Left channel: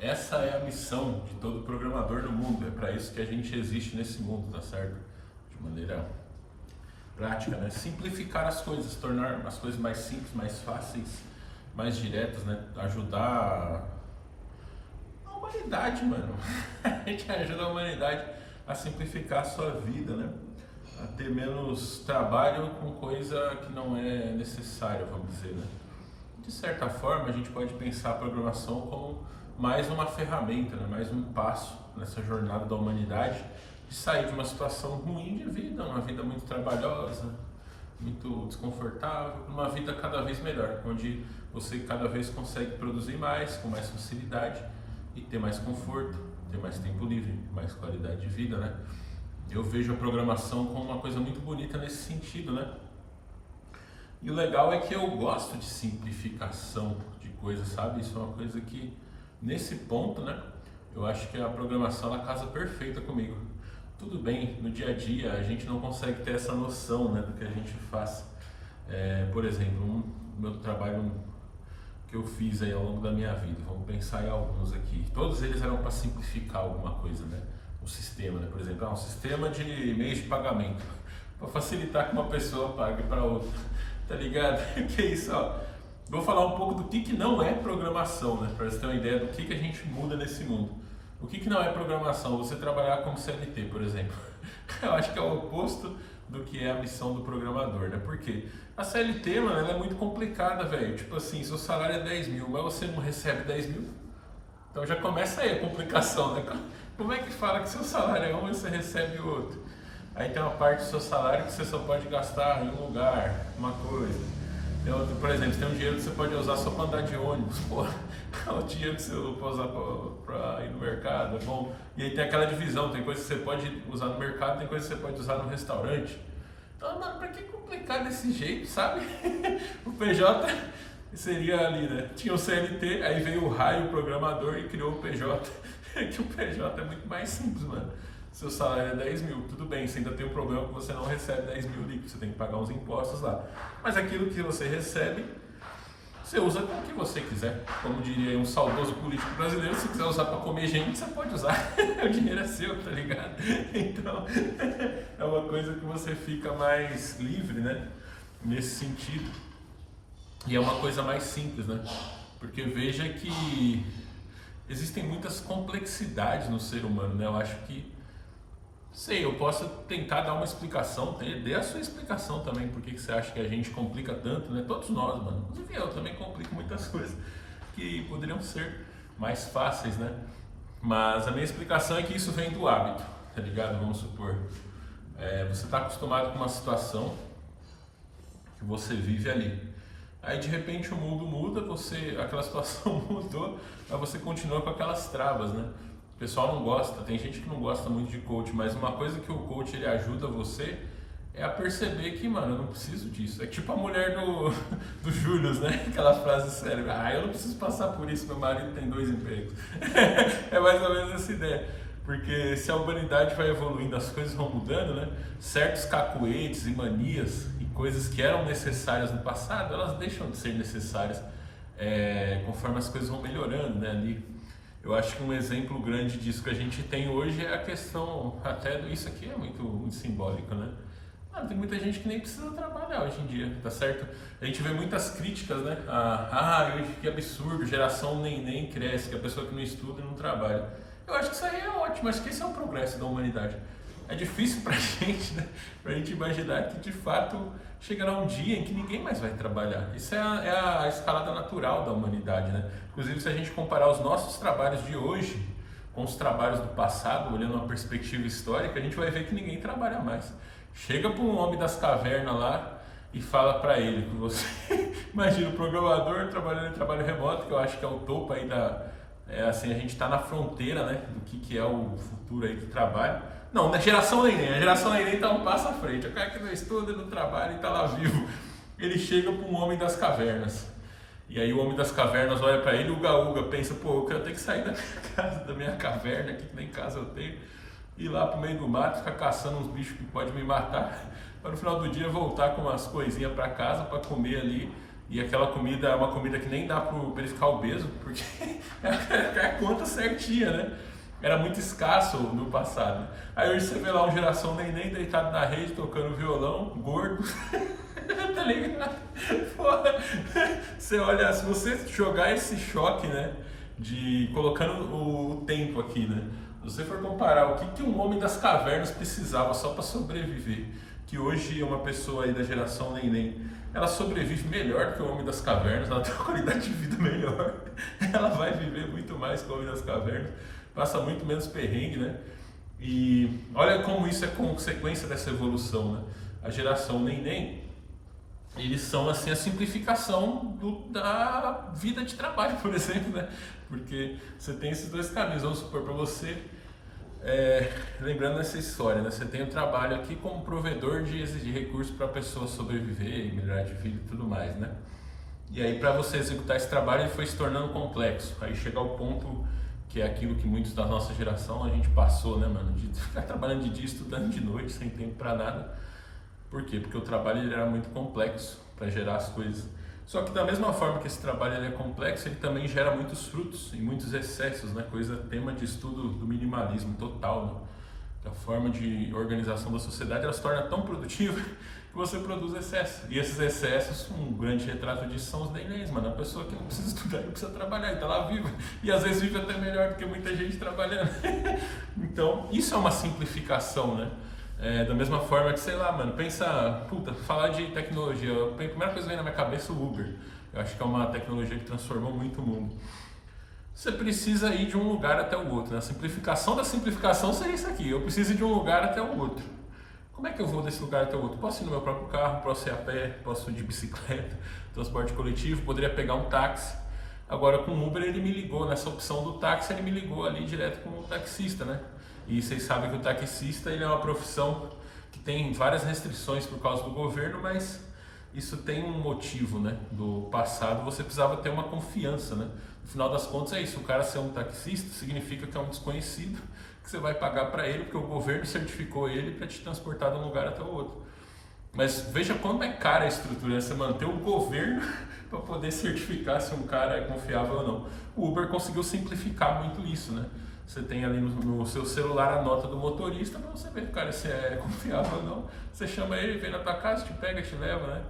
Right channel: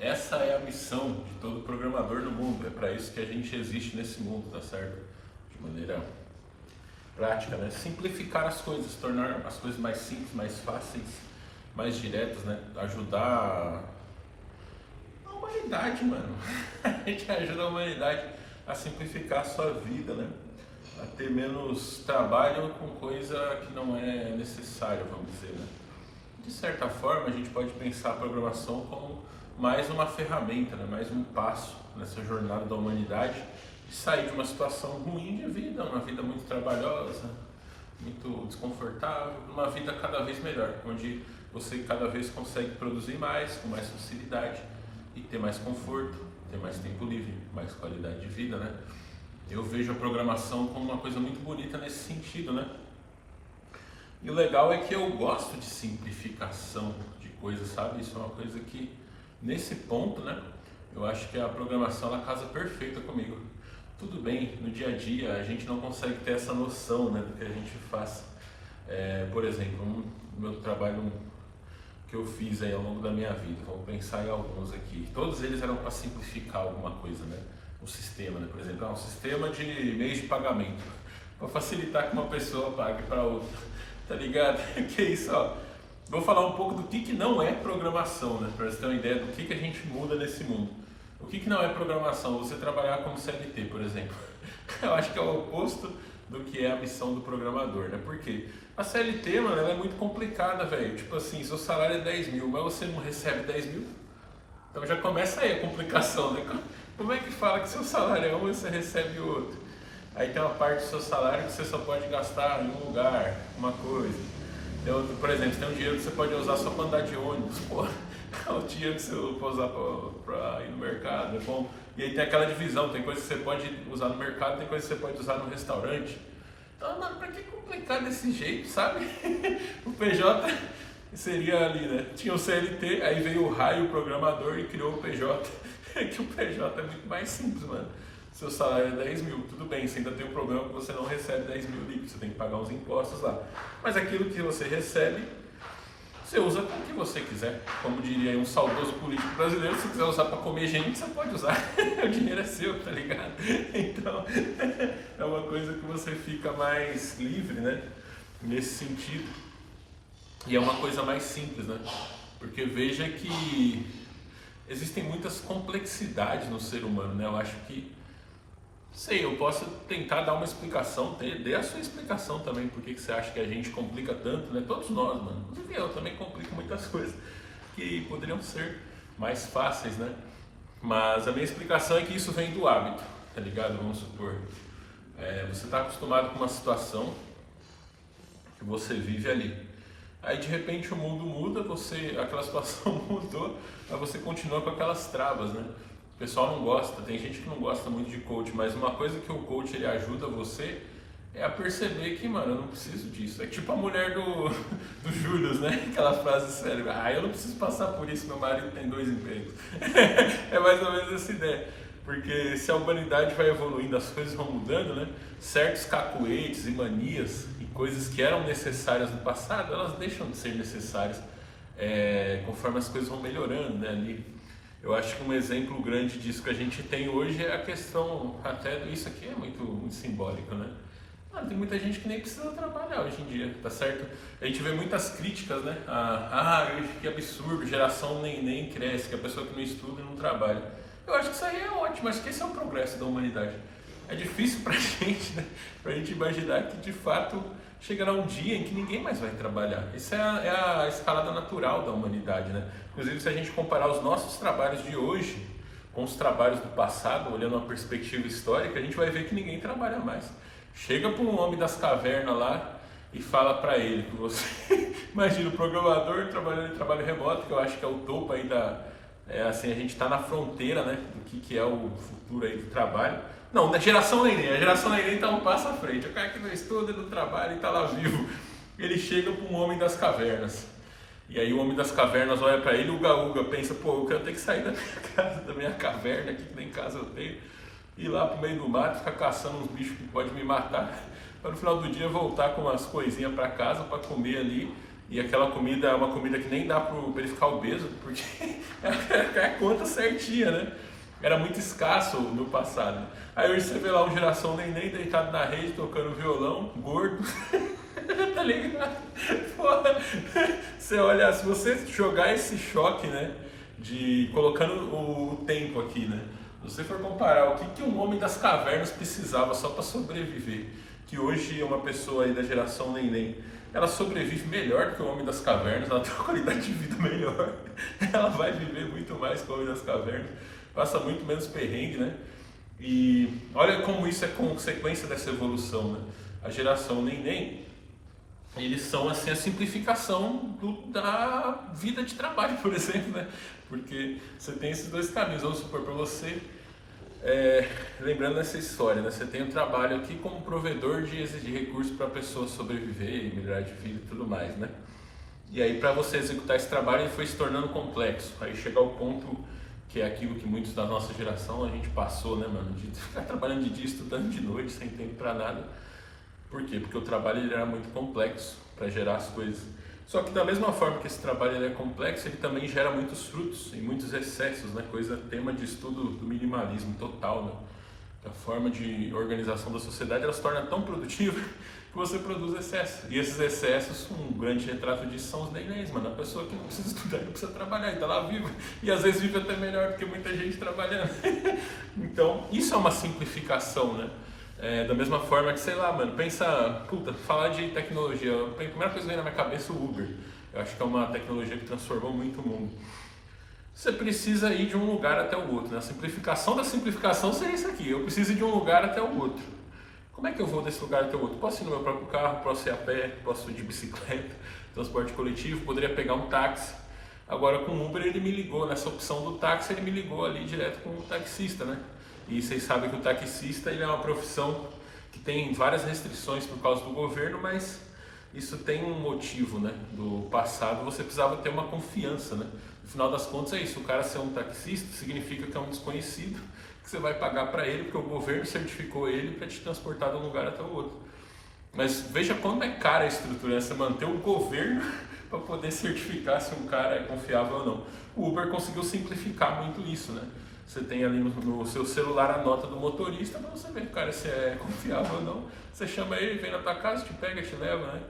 Essa é a missão de todo programador no mundo. É para isso que a gente existe nesse mundo, tá certo? De maneira prática, né? Simplificar as coisas, tornar as coisas mais simples, mais fáceis, mais diretas, né? Ajudar a humanidade, mano. A gente ajuda a humanidade a simplificar a sua vida, né? A ter menos trabalho com coisa que não é necessária, vamos dizer, né? De certa forma, a gente pode pensar a programação como mais uma ferramenta, né? Mais um passo nessa jornada da humanidade de sair de uma situação ruim de vida, uma vida muito trabalhosa, muito desconfortável, para uma vida cada vez melhor, onde você cada vez consegue produzir mais, com mais facilidade e ter mais conforto, ter mais tempo livre, mais qualidade de vida, né? Eu vejo a programação como uma coisa muito bonita nesse sentido, né? E o legal é que eu gosto de simplificação de coisas, sabe? Isso é uma coisa que, nesse ponto, né? Eu acho que a programação, ela casa perfeita comigo. Tudo bem, no dia a dia a gente não consegue ter essa noção, né, do que a gente faz. Por exemplo, meu trabalho que eu fiz aí ao longo da minha vida, vamos pensar em alguns aqui. Todos eles eram para simplificar alguma coisa, né? Um sistema, né? Por exemplo, um sistema de meios de pagamento, para facilitar que uma pessoa pague para outra, tá ligado? Que isso, ó. Vou falar um pouco do que não é programação, né? Para você ter uma ideia do que a gente muda nesse mundo. O que não é programação? Você trabalhar como CLT, por exemplo. Eu acho que é o oposto do que é a missão do programador, né? Por quê? A CLT, mano, ela é muito complicada, velho. Tipo assim, seu salário é 10 mil, mas você não recebe 10 mil. Então já começa aí a complicação, né? Como é que fala que seu salário é um e você recebe outro? Aí tem uma parte do seu salário que você só pode gastar em um lugar, uma coisa. Então, por exemplo, você tem um dinheiro que você pode usar só para andar de ônibus. Pô, o dinheiro que você pode usar para ir no mercado é bom. E aí tem aquela divisão, tem coisa que você pode usar no mercado, tem coisa que você pode usar no restaurante. Então, mano, pra que complicar desse jeito, sabe? O PJ seria ali, né? Tinha o CLT, aí veio o raio programador e criou o PJ. Que o PJ é muito mais simples, mano. Seu salário é 10 mil, tudo bem, você ainda tem o problema que você não recebe 10 mil líquidos, você tem que pagar uns impostos lá. Mas aquilo que você recebe, você usa com o que você quiser. Como diria um saudoso político brasileiro, se quiser usar para comer gente, você pode usar. O dinheiro é seu, tá ligado? Então, é uma coisa que você fica mais livre, né? Nesse sentido. E é uma coisa mais simples, né? Porque veja que existem muitas complexidades no ser humano, né? Eu acho que, sei, eu posso tentar dar uma explicação, dê a sua explicação também, por que você acha que a gente complica tanto, né? Todos nós, mano. Inclusive eu também complico muitas coisas que poderiam ser mais fáceis, né? Mas a minha explicação é que isso vem do hábito, tá ligado? Vamos supor, você está acostumado com uma situação que você vive ali. Aí de repente o mundo muda, aquela situação mudou, mas você continua com aquelas travas, né? O pessoal não gosta, tem gente que não gosta muito de coach, mas uma coisa que o coach ele ajuda você é a perceber que, mano, eu não preciso disso. É tipo a mulher do Júlio, né? Aquela frase célebre, eu não preciso passar por isso, meu marido tem 2 empregos. É mais ou menos essa ideia. Porque se a humanidade vai evoluindo, as coisas vão mudando, né? Certos cacuetes e manias e coisas que eram necessárias no passado, elas deixam de ser necessárias conforme as coisas vão melhorando, né? Ali. Eu acho que um exemplo grande disso que a gente tem hoje é a questão, até isso aqui é muito, muito simbólico, né? Tem muita gente que nem precisa trabalhar hoje em dia, tá certo? A gente vê muitas críticas, né? Que absurdo, geração nem cresce, que a pessoa que não estuda não trabalha. Eu acho que isso aí é ótimo, acho que esse é o progresso da humanidade. É difícil pra gente, né? Pra gente imaginar que de fato chegará um dia em que ninguém mais vai trabalhar. Isso é a escalada natural da humanidade, né? Inclusive, se a gente comparar os nossos trabalhos de hoje com os trabalhos do passado, olhando uma perspectiva histórica, a gente vai ver que ninguém trabalha mais. Chega para um homem das cavernas lá e fala para ele que você imagina o programador trabalhando em trabalho remoto, que eu acho que é o topo aí a gente está na fronteira, né, do que é o futuro aí do trabalho. Não, na geração neném, a geração neném está um passo à frente. O cara que não estuda, não trabalha e está lá vivo. Ele chega para um homem das cavernas. E aí o homem das cavernas olha para ele, uga, pensa, pô, eu quero ter que sair da minha casa, da minha caverna aqui, que nem casa eu tenho, ir lá pro meio do mato, ficar caçando uns bichos que podem me matar, para no final do dia voltar com umas coisinhas para casa para comer ali e aquela comida é uma comida que nem dá para ele ficar obeso, porque é a conta certinha, né? Era muito escasso no passado. Aí hoje você vê lá um geração neném deitado na rede, tocando violão, gordo. Tá ligado? Porra. Você olha, se você jogar esse choque, né? Colocando o tempo aqui, né? Se você for comparar o que um homem das cavernas precisava só para sobreviver, que hoje é uma pessoa aí da geração neném, ela sobrevive melhor do que o homem das cavernas, ela tem uma qualidade de vida melhor, ela vai viver muito mais que o homem das cavernas, passa muito menos perrengue, né? E olha como isso é consequência dessa evolução, né? A geração neném, eles são assim a simplificação da vida de trabalho, por exemplo, né? Porque você tem esses dois caminhos. Vamos supor para você, lembrando dessa história, né? Você tem o trabalho aqui como provedor de recursos para a pessoa sobreviver e melhorar de vida e tudo mais, né? E aí para você executar esse trabalho ele foi se tornando complexo. Aí chega ao ponto que é aquilo que muitos da nossa geração a gente passou, né, mano? De ficar trabalhando de dia, estudando de noite, sem tempo para nada. Por quê? Porque o trabalho ele era muito complexo para gerar as coisas. Só que da mesma forma que esse trabalho ele é complexo, ele também gera muitos frutos e muitos excessos, né? Tema de estudo do minimalismo total, né? A forma de organização da sociedade ela se torna tão produtiva que você produz excesso. E esses excessos, um grande retrato disso são os nenéns, mano. A pessoa que não precisa estudar, não precisa trabalhar e tá lá viva. E às vezes vive até melhor do que muita gente trabalhando. Então, isso é uma simplificação, né? Da mesma forma que, sei lá, mano, falar de tecnologia, a primeira coisa que vem na minha cabeça é o Uber. Eu acho que é uma tecnologia que transformou muito o mundo. Você precisa ir de um lugar até o outro, né? A simplificação da simplificação seria isso aqui, eu preciso ir de um lugar até o outro. Como é que eu vou desse lugar até o outro? Posso ir no meu próprio carro, posso ir a pé, posso ir de bicicleta, transporte coletivo, poderia pegar um táxi. Agora com o Uber ele me ligou, nessa opção do táxi ele me ligou ali direto com o taxista, né? E vocês sabem que o taxista ele é uma profissão que tem várias restrições por causa do governo, mas isso tem um motivo, né? Do passado você precisava ter uma confiança, né? No final das contas é isso, o cara ser um taxista significa que é um desconhecido, que você vai pagar para ele, porque o governo certificou ele para te transportar de um lugar até o outro. Mas veja como é cara a estrutura, né? Você manter o governo para poder certificar se um cara é confiável ou não. O Uber conseguiu simplificar muito isso, né? Você tem ali no seu celular a nota do motorista para você ver, cara, se é confiável ou não. Você chama ele, vem na tua casa, te pega, te leva, né?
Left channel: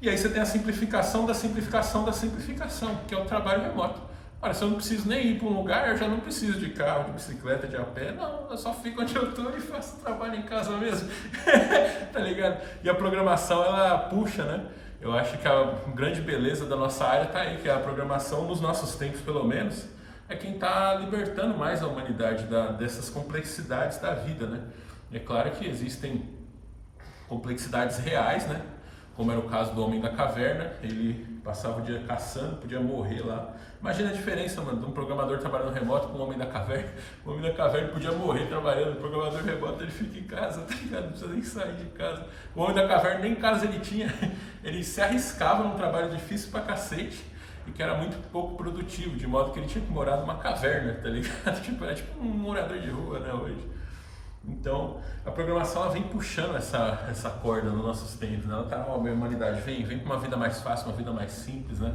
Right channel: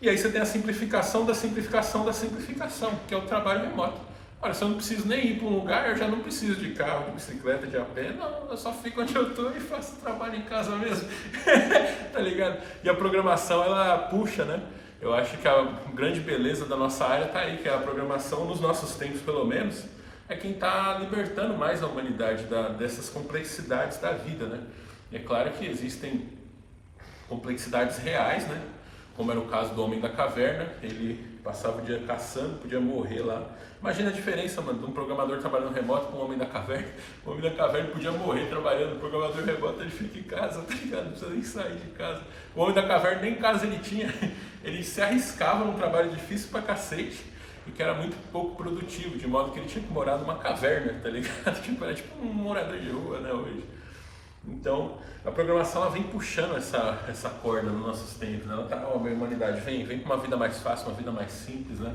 E aí você tem a simplificação da simplificação da simplificação, que é o trabalho remoto. Olha, se eu não preciso nem ir para um lugar, eu já não preciso de carro, de bicicleta, de a pé. Não, eu só fico onde eu estou e faço o trabalho em casa mesmo. Tá ligado? E a programação, ela puxa, né? Eu acho que a grande beleza da nossa área está aí, que a programação, nos nossos tempos pelo menos, é quem está libertando mais a humanidade dessas complexidades da vida, né? É claro que existem complexidades reais, né? Como era o caso do Homem da Caverna, ele passava o dia caçando, podia morrer lá. Imagina a diferença, mano, de um programador trabalhando remoto com o Homem da Caverna. O Homem da Caverna podia morrer trabalhando, o programador remoto ele fica em casa, tá ligado? Não precisa nem sair de casa. O Homem da Caverna nem casa ele tinha, ele se arriscava num trabalho difícil pra cacete e que era muito pouco produtivo, de modo que ele tinha que morar numa caverna, tá ligado? Tipo, era tipo um morador de rua, né, hoje. Então, a programação ela vem puxando essa corda nos nossos tempos, né? Ela tá, ó, a humanidade vem para uma vida mais fácil, uma vida mais simples, né?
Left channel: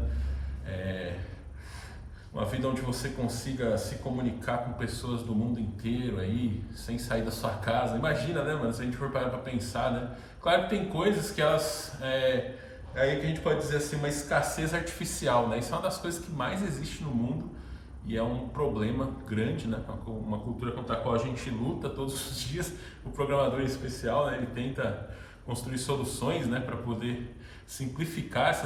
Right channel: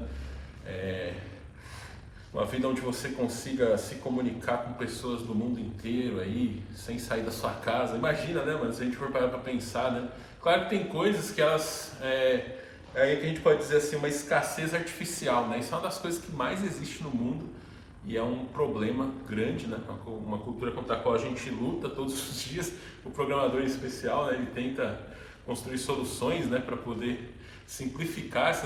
Uma vida onde você consiga se comunicar com pessoas do mundo inteiro aí, sem sair da sua casa. Imagina, né, mano, se a gente for parar para pensar, né? Claro que tem coisas que elas... aí que a gente pode dizer assim, uma escassez artificial, né? Isso é uma das coisas que mais existe no mundo e é um problema grande, né? Uma cultura contra a qual a gente luta todos os dias. O programador em especial, né? Ele tenta construir soluções, né? Para poder simplificar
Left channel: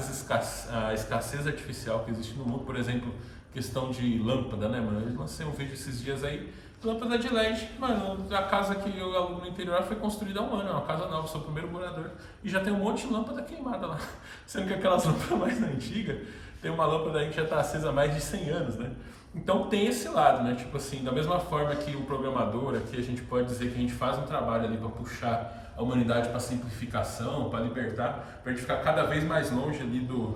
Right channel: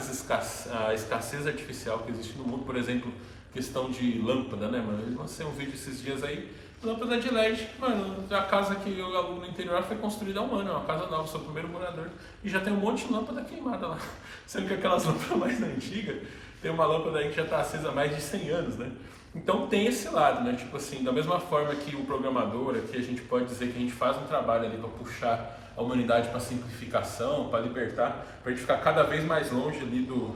a escassez artificial que existe no mundo. Por exemplo, questão de lâmpada, né, mano? Eu lancei um vídeo esses dias aí, lâmpada de LED. Mano, a casa que eu alugo no interior foi construída há um ano, é uma casa nova, sou o primeiro morador. E já tem um monte de lâmpada queimada lá. Sendo que aquelas lâmpadas mais antigas, tem uma lâmpada aí que já está acesa há mais de 100 anos, né? Então tem esse lado, né? Tipo assim, da mesma forma que o programador, aqui a gente pode dizer que a gente faz um trabalho ali para puxar a humanidade para simplificação, para libertar, para a gente ficar cada vez mais longe ali do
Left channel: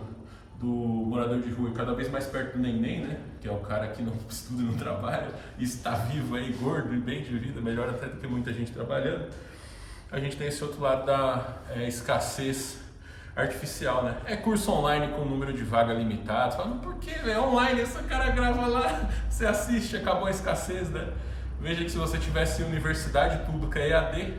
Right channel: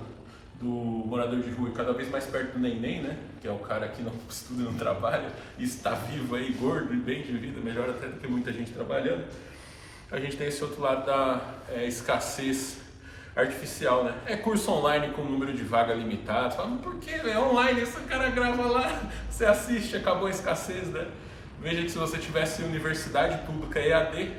morador de rua e cada vez mais perto do neném, né? Que é o cara que não estuda e não trabalha e está vivo aí, gordo e bem de vida, melhor até do que muita gente trabalhando. A gente tem esse outro lado da escassez artificial, né? É curso online com número de vaga limitado. Fala, por que, velho? É online, esse cara grava lá, você assiste, acabou a escassez, né? Veja que se você tivesse universidade pública EAD,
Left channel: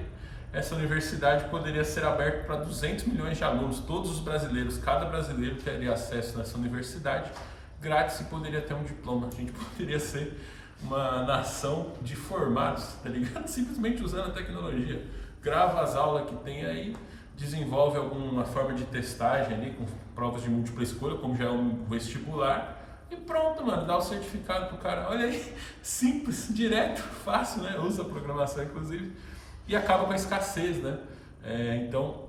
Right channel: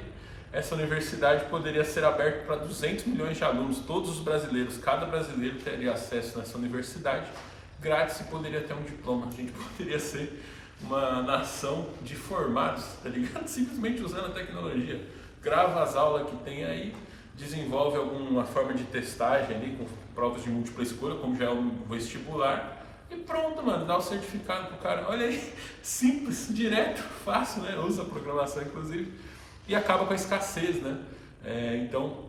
essa universidade poderia ser aberta para 200 milhões de alunos, todos os brasileiros, cada brasileiro teria acesso nessa universidade grátis e poderia ter um diploma. A gente poderia ser uma nação de formados, tá ligado? Simplesmente usando a tecnologia. Grava as aulas que tem aí, desenvolve alguma forma de testagem ali com provas de múltipla escolha, como já é o vestibular, e pronto, mano, dá o certificado pro cara. Olha aí, simples, direto, fácil, né? Usa a programação, inclusive, e acaba com a escassez, né? Então,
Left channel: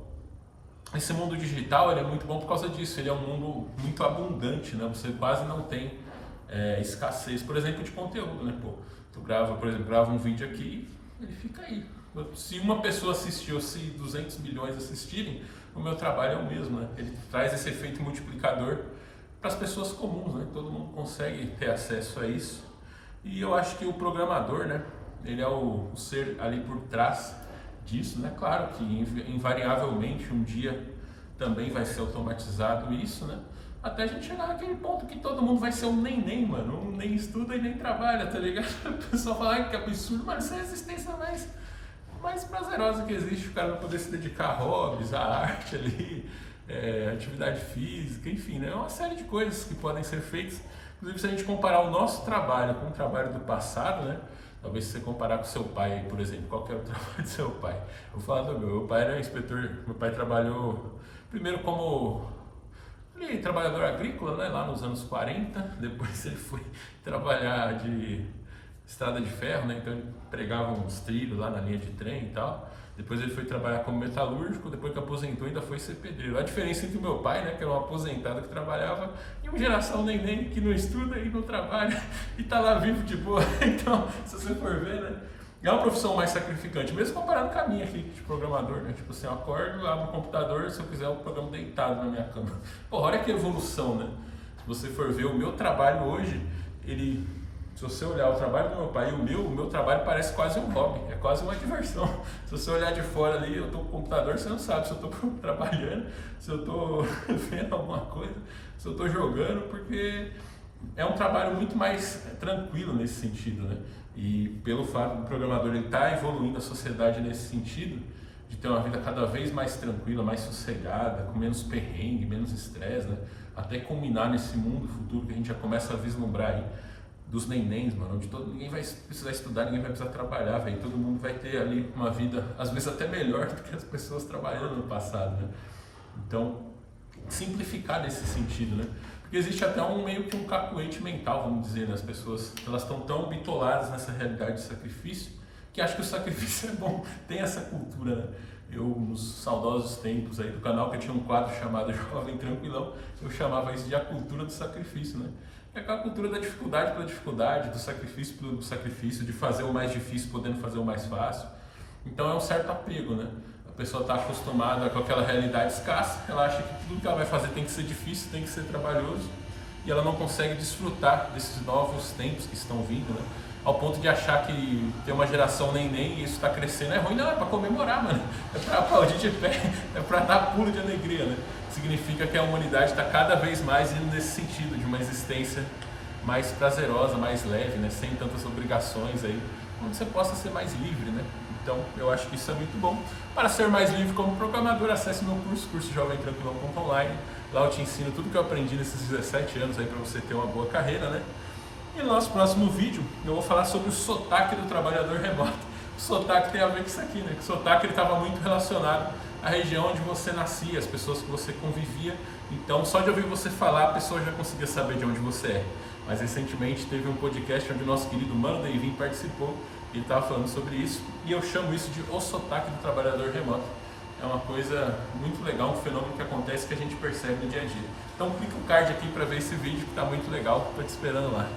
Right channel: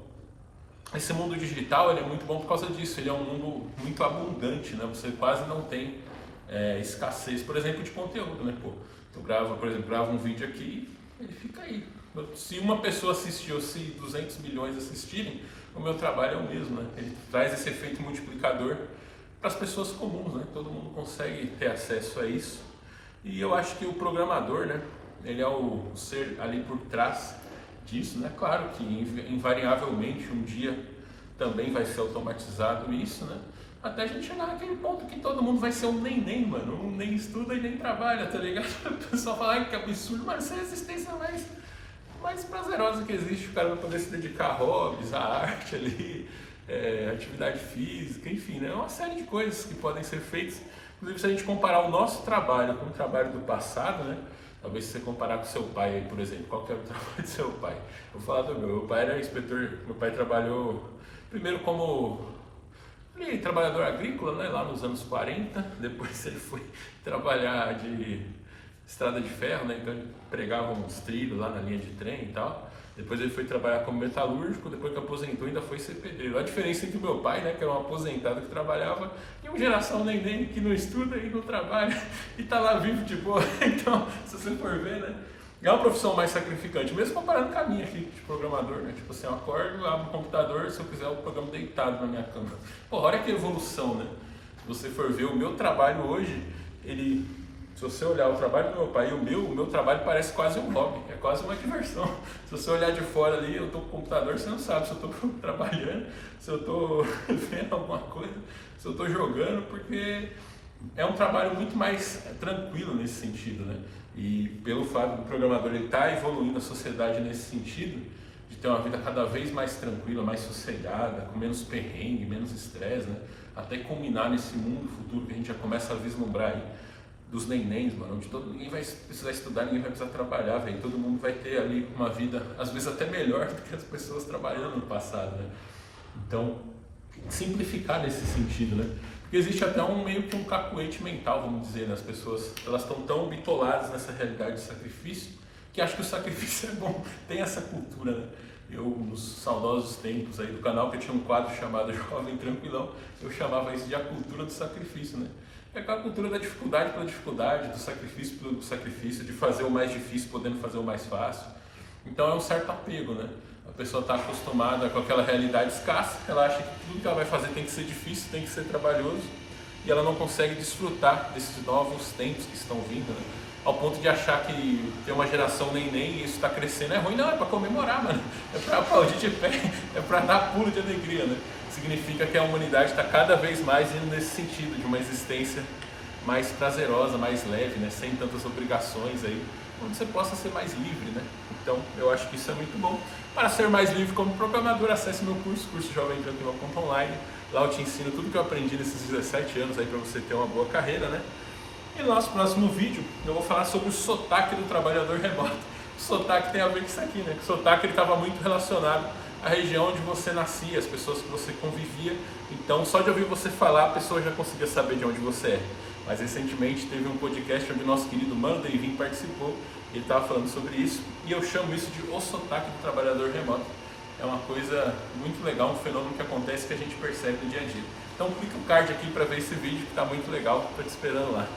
esse mundo digital, ele é muito bom por causa disso. Ele é um mundo muito abundante, né? Você quase não tem escassez, por exemplo, de conteúdo, né? Pô, tu grava, por exemplo, grava um vídeo aqui, ele fica aí. Se uma pessoa assistiu, se 200 milhões assistirem, o meu trabalho é o mesmo, né? Ele traz esse efeito multiplicador para as pessoas comuns, né? Todo mundo consegue ter acesso a isso. E eu acho que o programador, né? Ele é o ser ali por trás disso, né? Claro que invariavelmente um dia também vai ser automatizado isso, né? Até a gente chegar naquele ponto que todo mundo vai ser um nem, mano. Um nem estuda e nem trabalha, tá ligado? O pessoal fala, ai, que absurdo, mas isso é a existência mais prazerosa que existe. O cara vai poder se dedicar a hobbies, a arte ali, atividade física, enfim, né? É uma série de coisas que podem ser feitas. Inclusive, se a gente comparar o nosso trabalho com o trabalho do passado, né? Talvez se você comparar com seu pai aí, por exemplo, qual que era o trabalho do seu pai? Eu vou falar do meu pai era inspetor, meu pai trabalhou primeiro como trabalhador agrícola, né, lá nos anos 40, depois ele foi trabalhar de estrada de ferro, né, então ele pregava uns trilhos lá na linha de trem e tal. Depois ele foi trabalhar como metalúrgico, depois que aposentou ainda foi ser pedreiro. A diferença entre o meu pai, né, que era um aposentado que trabalhava, e uma geração neném que não estuda e não trabalha e tá lá vivo de boa. Então, se você for ver, né, é uma profissão mais sacrificante, mesmo comparando com a minha aqui de programador, né? Tipo assim, eu acordo, abro o computador, se eu quiser eu programo deitado na minha cama. Pô, olha que evolução, né? Se você for ver o meu trabalho hoje, se você olhar o trabalho do meu pai e o meu trabalho parece quase um hobby, é quase uma diversão. Se você olhar de fora ali, eu tô com o computador, você não sabe se eu tô trabalhando, se eu tô vendo alguma coisa, se eu tô jogando, porque é um trabalho muito mais tranquilo nesse sentido, né? E pelo fato do programador estar evoluindo a sociedade nesse sentido, de ter uma vida cada vez mais tranquila, mais sossegada, com menos perrengue, menos estresse, né? Até culminar nesse mundo futuro que a gente já começa a vislumbrar aí, dos nenéns, mano, onde ninguém vai precisar estudar, ninguém vai precisar trabalhar, velho. Todo mundo vai ter ali uma vida, às vezes até melhor do que as pessoas trabalhando no passado, né? Então, simplificar nesse sentido, né? Porque existe até meio que um cacuete mental, vamos dizer, né? As pessoas, elas estão tão bitoladas nessa realidade de sacrifício, que acham que o sacrifício é bom. Tem essa cultura, né? Eu, nos saudosos tempos aí do canal, que eu tinha um quadro chamado Jovem Tranquilão, eu chamava isso de a cultura do sacrifício, né? É aquela cultura da dificuldade pela dificuldade, do sacrifício pelo sacrifício, de fazer o mais difícil podendo fazer o mais fácil. Então é um certo apego, né? A pessoa está acostumada com aquela realidade escassa, ela acha que tudo que ela vai fazer tem que ser difícil, tem que ser trabalhoso, e ela não consegue desfrutar desses novos tempos que estão vindo, né? Ao ponto de achar que tem uma geração neném e isso está crescendo é ruim. Não, é para comemorar, mano. É para aplaudir de pé, é para dar pulo de alegria, né? Significa que a humanidade está cada vez mais indo nesse sentido, de uma existência mais prazerosa, mais leve, né? Sem tantas obrigações aí, onde você possa ser mais livre, né? Então, eu acho que isso é muito bom. Para ser mais livre como programador, acesse meu curso jovemtranquilão.online. Lá eu te ensino tudo que eu aprendi nesses 17 anos aí para você ter uma boa carreira, né? E no nosso próximo vídeo, eu vou falar sobre o sotaque do trabalhador remoto. O sotaque tem a ver com isso aqui, né? O sotaque estava muito relacionado à região onde você nascia, as pessoas que você convivia. Então, só de ouvir você falar, a pessoa já conseguia saber de onde você é. Mas recentemente teve um podcast onde o nosso querido Mano Deivin participou. Ele estava falando sobre isso e eu chamo isso de o sotaque do trabalhador remoto. É uma coisa muito legal, um fenômeno que acontece que a gente percebe no dia a dia. Então clica o card aqui para ver esse vídeo que está muito legal, estou te esperando lá.